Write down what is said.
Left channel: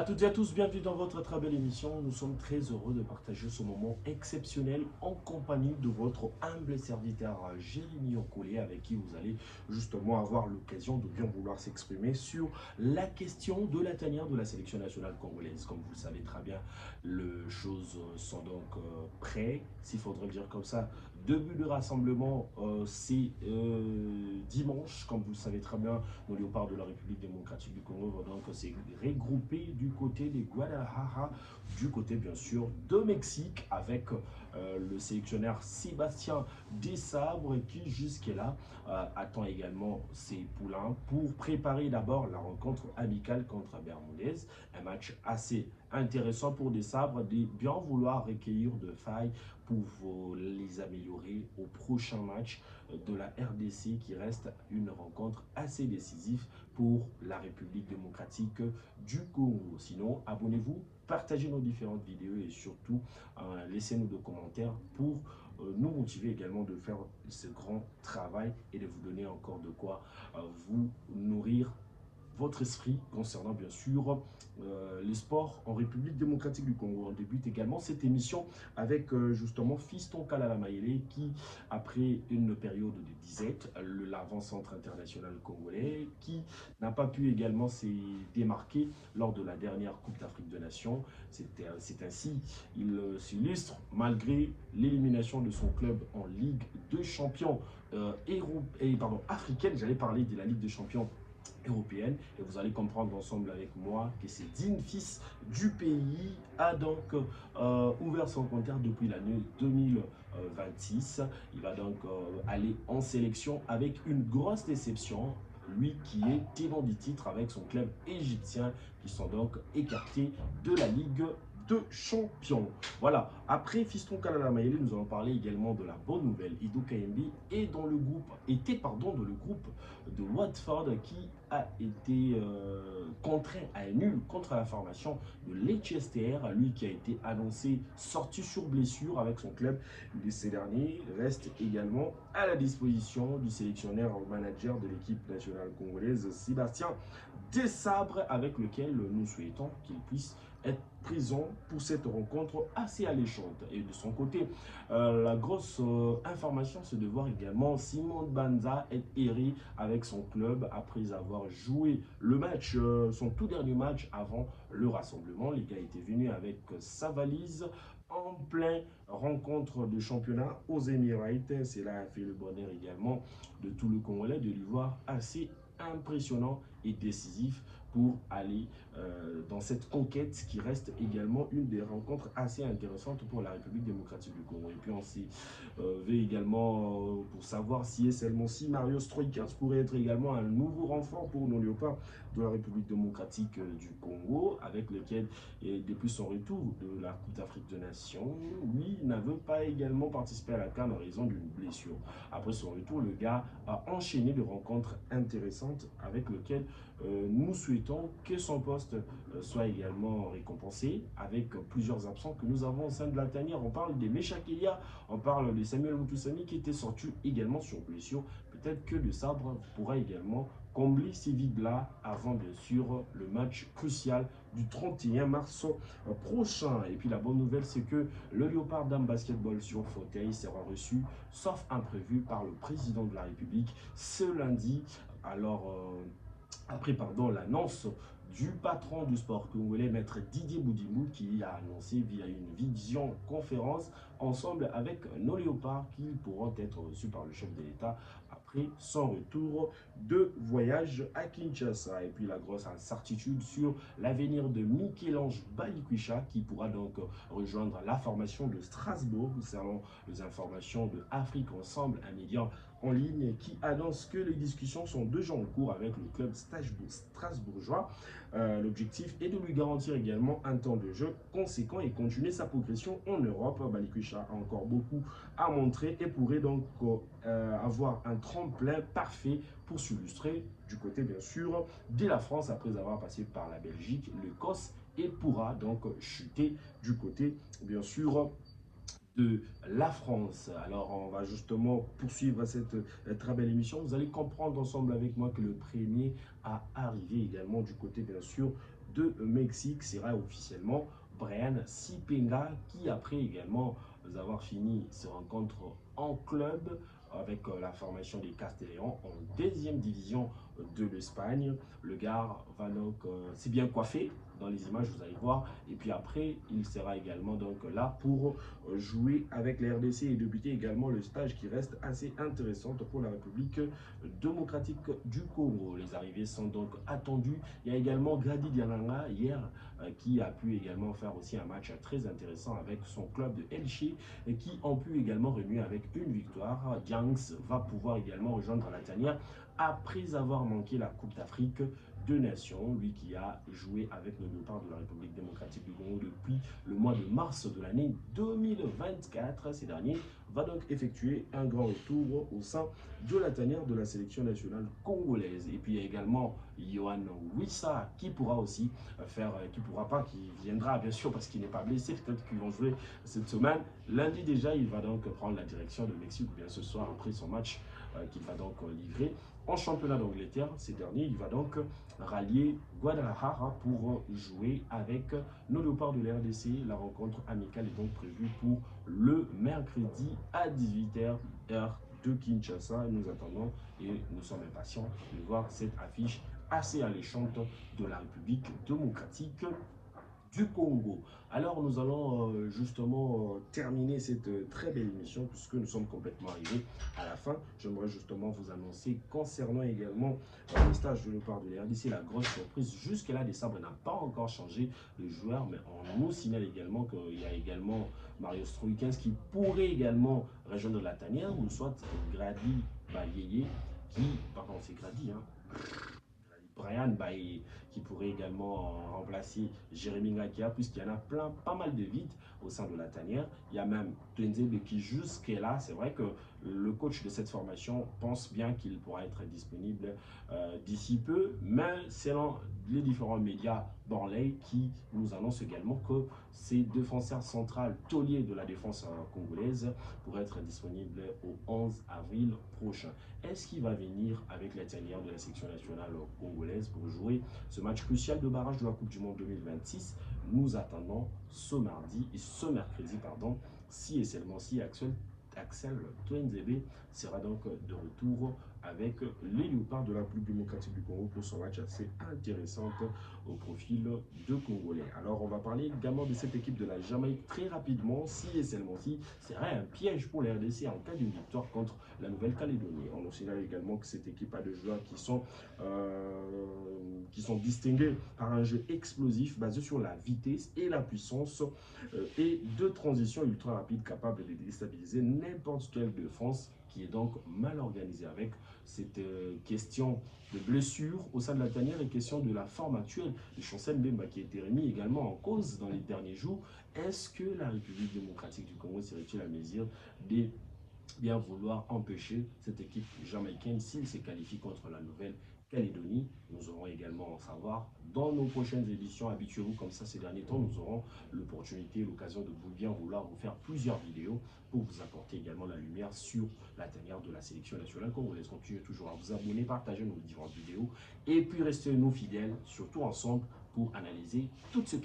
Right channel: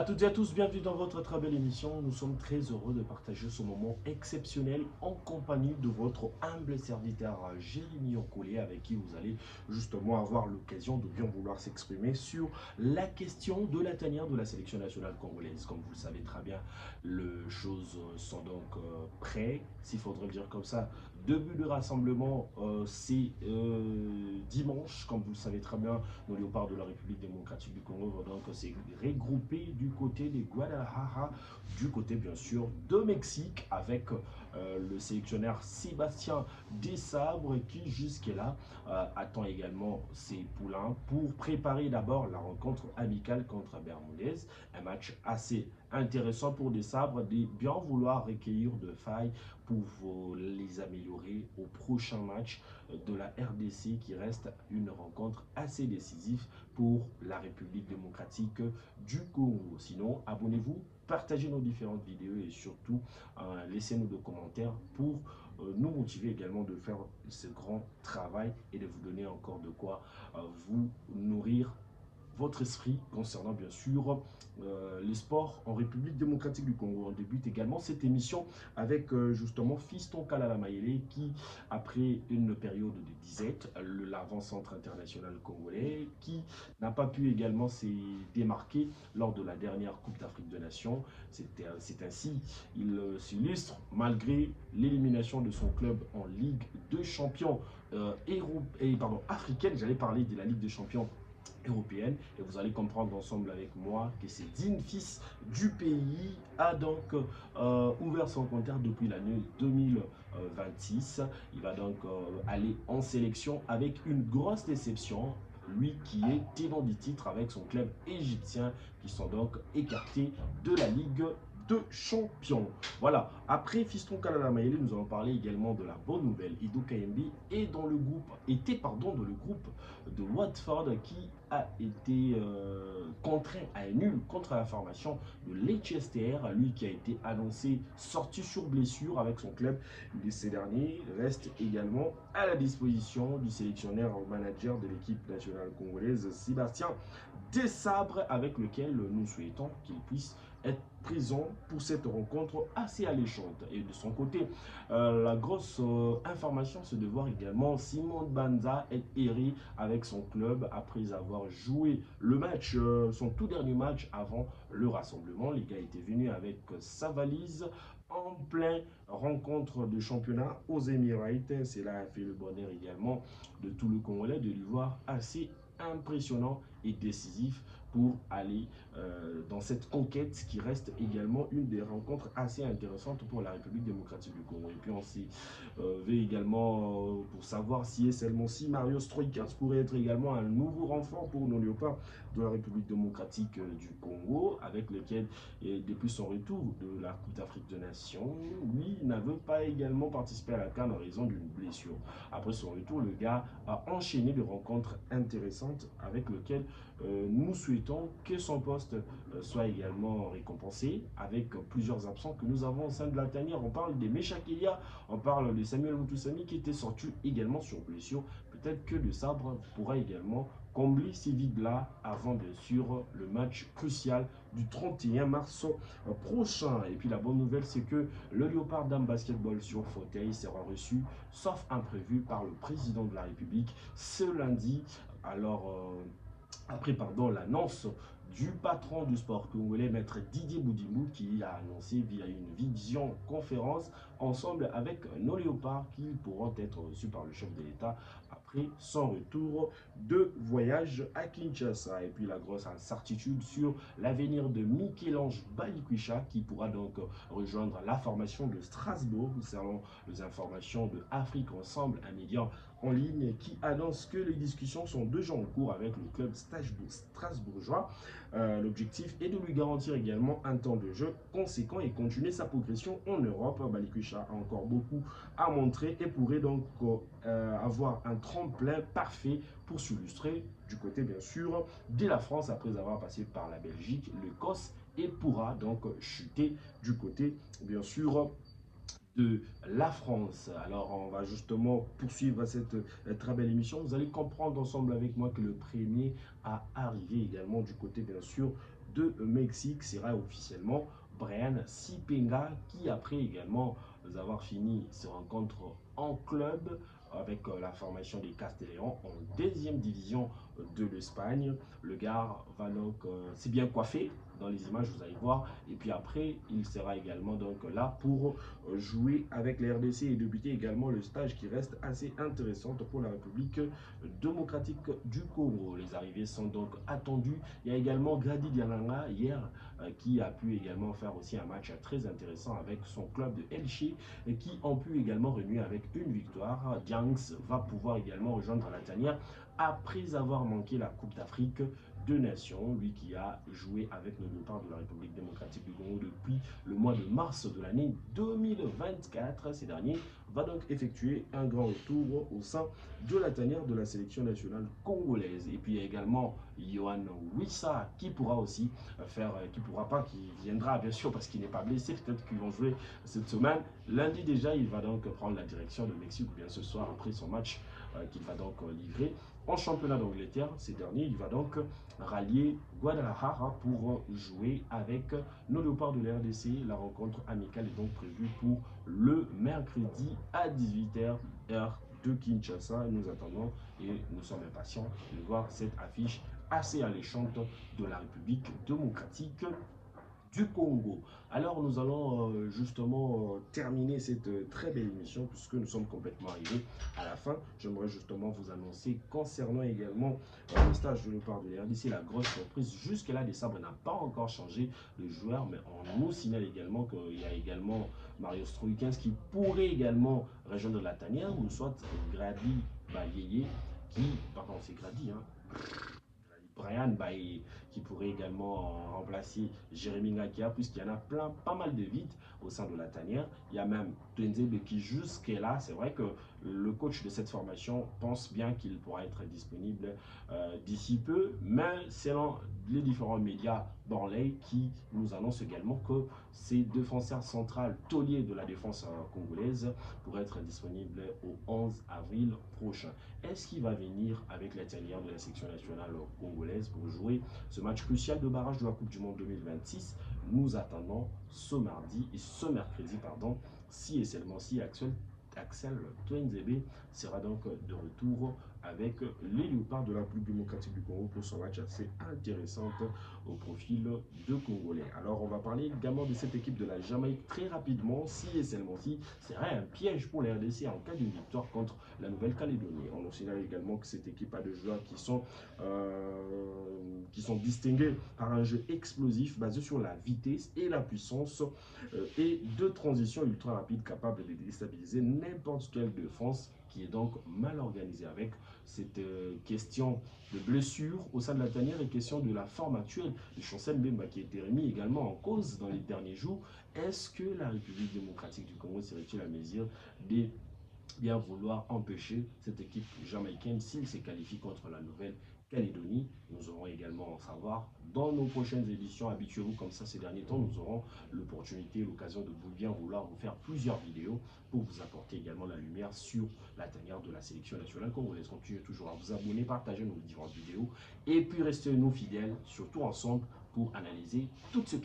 À toutes et à tous, bienvenue dans votre très belle émission. Nous sommes très heureux de partager ce moment exceptionnel en compagnie de votre humble serviteur Jérémy Okolé, avec qui vous allez justement avoir l'occasion de bien vouloir s'exprimer sur la question de la tanière de la sélection nationale congolaise. Comme vous le savez très bien, les choses sont donc prêtes, s'il faudrait le dire comme ça. Début de rassemblement, c'est dimanche, comme vous le savez très bien, nos léopards de la République démocratique du Congo vont donc se regrouper du côté de Guadalajara, du côté bien sûr de Mexique, avec le sélectionneur Sébastien Desabre qui jusque-là attend également ses poulains pour préparer d'abord la rencontre amicale contre Bermudez, un match assez intéressant pour Desabre de bien vouloir recueillir de failles pour les améliorer au prochain match de la RDC qui reste une rencontre assez décisive pour la République démocratique du Congo. Sinon, abonnez-vous, partagez nos différentes vidéos et surtout laissez-nous des commentaires pour nous motiver également de faire ce grand travail et de vous donner encore de quoi vous nourrir votre esprit concernant bien sûr les sports en République démocratique du Congo. On débute également cette émission avec justement Fiston Kalala Mayele qui, après une période de disette, l'avant-centre international congolais, qui n'a pas pu également se démarquer lors de la dernière Coupe d'Afrique des Nations. C'est ainsi, il s'illustre malgré l'élimination de son club en Ligue de champions africaine. J'allais parler de la Ligue des champions européenne et vous allez comprendre ensemble avec moi que ce digne fils du pays a donc ouvert son compteur depuis l'année 2026. Il va donc aller en sélection avec une grosse déception, lui qui est tenant du titre avec son club égyptien qui sont donc écartés de la Ligue de champions. Voilà, après Fiston Kalala Mayele, nous allons parler également de la bonne nouvelle. Idou Kayembe est dans le groupe, dans le groupe de Watford qui a été contraint à un nul contre la formation de Leicester, lui qui a été annoncé sorti sur blessure avec son club. Ces derniers restent également à la disposition du sélectionneur manager de l'équipe nationale congolaise, Sébastien Desabre, avec lequel nous souhaitons qu'il puisse être présent pour cette rencontre assez alléchante. Et de son côté, la grosse information, c'est de voir également Simon Banza être erré avec son club après avoir joué le match, son tout dernier match avant le rassemblement. Les gars étaient venus avec sa valise en plein rencontre de championnat aux Émirats. Cela a fait le bonheur également de tout le Congolais de lui voir assez impressionnant et décisif pour aller dans cette conquête qui reste également une des rencontres assez intéressantes pour la République démocratique du Congo. Et puis on s'est également pour savoir si et seulement si Mario Stroikers pourrait être également un nouveau renfort pour nos léopards de la République démocratique du Congo, avec lequel, depuis son retour de la Coupe d'Afrique des Nations, lui n'avait pas également participé à la CAN en raison d'une blessure. Après son retour, le gars a enchaîné de rencontres intéressantes avec lesquelles nous souhaitons que son poste soit également récompensé avec plusieurs absents que nous avons au sein de la tanière. On parle des Meshakelia, on parle de Samuel Moutoussami qui était sorti également sur blessure. Peut-être que le Sabre pourra également combler ces vides-là avant bien sûr le match crucial du 31 mars prochain. Et puis la bonne nouvelle, c'est que le Léopard Dame Basketball sur fauteuil sera reçu, sauf imprévu, par le président de la République ce lundi. Alors, après l'annonce du patron du sport congolais, maître Didier Boudimou, qui a annoncé via une vision conférence ensemble avec nos léopards qui pourront être reçus par le chef de l'État après son retour de voyage à Kinshasa. Et puis la grosse incertitude sur l'avenir de Michel-Ange Balikwisha qui pourra donc rejoindre la formation de Strasbourg. Nous serons les informations de Afrique Ensemble, un média en ligne qui annonce que les discussions sont déjà en cours avec le club strasbourgeois. L'objectif est de lui garantir également un temps de jeu conséquent et continuer sa progression en Europe. Balikwisha a encore beaucoup à montrer et pourrait donc avoir un tremplin parfait pour s'illustrer du côté bien sûr de la France après avoir passé par la Belgique, l'Écosse et pourra donc chuter du côté bien sûr de la France. Alors on va justement poursuivre cette très belle émission. Vous allez comprendre ensemble avec moi que le premier à arriver également du côté bien sûr de Mexique sera officiellement Brian Sipenga, qui après également avoir fini ses rencontres en club avec la formation des Castelléons en deuxième division de l'Espagne. Le gars va donc c'est bien coiffé dans les images, vous allez voir. Et puis après, il sera également donc là pour jouer avec la RDC et débuter également le stage qui reste assez intéressante pour la République démocratique du Congo. Les arrivées sont donc attendues. Il y a également Grady Diaranga hier qui a pu également faire aussi un match très intéressant avec son club de Elche et qui ont pu également renouer avec une victoire. Diangs va pouvoir également rejoindre la tanière après avoir manqué la Coupe d'Afrique de Nations, lui qui a joué avec le départ de la République démocratique du Congo depuis le mois de mars de l'année 2024. Ces derniers va donc effectuer un grand retour au sein de la tanière de la sélection nationale congolaise. Et puis il y a également Yohan Wissa qui pourra aussi faire, qui pourra pas, qui viendra bien sûr parce qu'il n'est pas blessé, peut-être qu'ils vont jouer cette semaine. Lundi déjà, il va donc prendre la direction de Mexique, ou bien ce soir après son match qu'il va donc livrer en championnat d'Angleterre. Ces derniers, il va donc rallier Guadalajara pour jouer avec nos léopards de l'RDC. La rencontre amicale est donc prévue pour le mercredi à 18h, heure de Kinshasa. Nous attendons et nous sommes impatients de voir cette affiche assez alléchante de la République démocratique du Congo. Alors nous allons justement terminer cette très belle émission puisque nous sommes complètement arrivés à la fin. J'aimerais justement vous annoncer concernant également le stage de Léopard de l'RDC, la grosse surprise. Jusque-là, Desabre n'a pas encore changé de joueur, mais on nous signale également qu'il y a également Mario Stroikens qui pourrait également rejoindre la tanière, ou soit Grady Bayeye qui, pardon c'est Grady, hein, Brian Baye, qui pourrait également remplacer Jérémy Ngakia, puisqu'il y en a pas mal de vides au sein de la tanière. Il y a même Twenzebe qui jusqu'à là, c'est vrai que le coach de cette formation pense bien qu'il pourra être disponible d'ici peu, mais selon les différents médias Borley qui nous annoncent également que ces défenseurs centrales tauliers de la défense congolaise pourraient être disponibles au 11 avril prochain. Est-ce qu'il va venir avec la tanière de la section nationale congolaise pour jouer ce match crucial de barrage de la Coupe du Monde 2026? Nous attendons ce mardi et ce mercredi, pardon, si et seulement si Axel Twenzebe sera donc de retour avec les léopards de la République démocratique du Congo pour son match assez intéressant au profil de Congolais. Alors on va parler également de cette équipe de la Jamaïque très rapidement, si et seulement si serait un piège pour la RDC en cas d'une victoire contre la Nouvelle-Calédonie. On nous signale également que cette équipe a des joueurs qui sont distingués par un jeu explosif basé sur la vitesse et la puissance et de transition ultra rapide capable de déstabiliser n'importe quelle défense qui est donc mal organisée avec cette question de blessure au sein de la tanière et question de la forme actuelle de Chancel Mbemba qui a été remis également en cause dans les derniers jours. Est-ce que la République démocratique du Congo serait-il à mesure de bien vouloir empêcher cette équipe jamaïcaine s'il se qualifie contre la Nouvelle-Calédonie? Nous aurons également en savoir dans nos prochaines éditions. Habituez-vous comme ça ces derniers temps, nous aurons l'opportunité, l'occasion de bien vouloir vous faire plusieurs vidéos pour vous apporter également la lumière sur la tanière de la sélection nationale congolaise. Continuez toujours à vous abonner, partager nos différentes vidéos et puis restez nous fidèles, surtout ensemble pour analyser toutes ce qui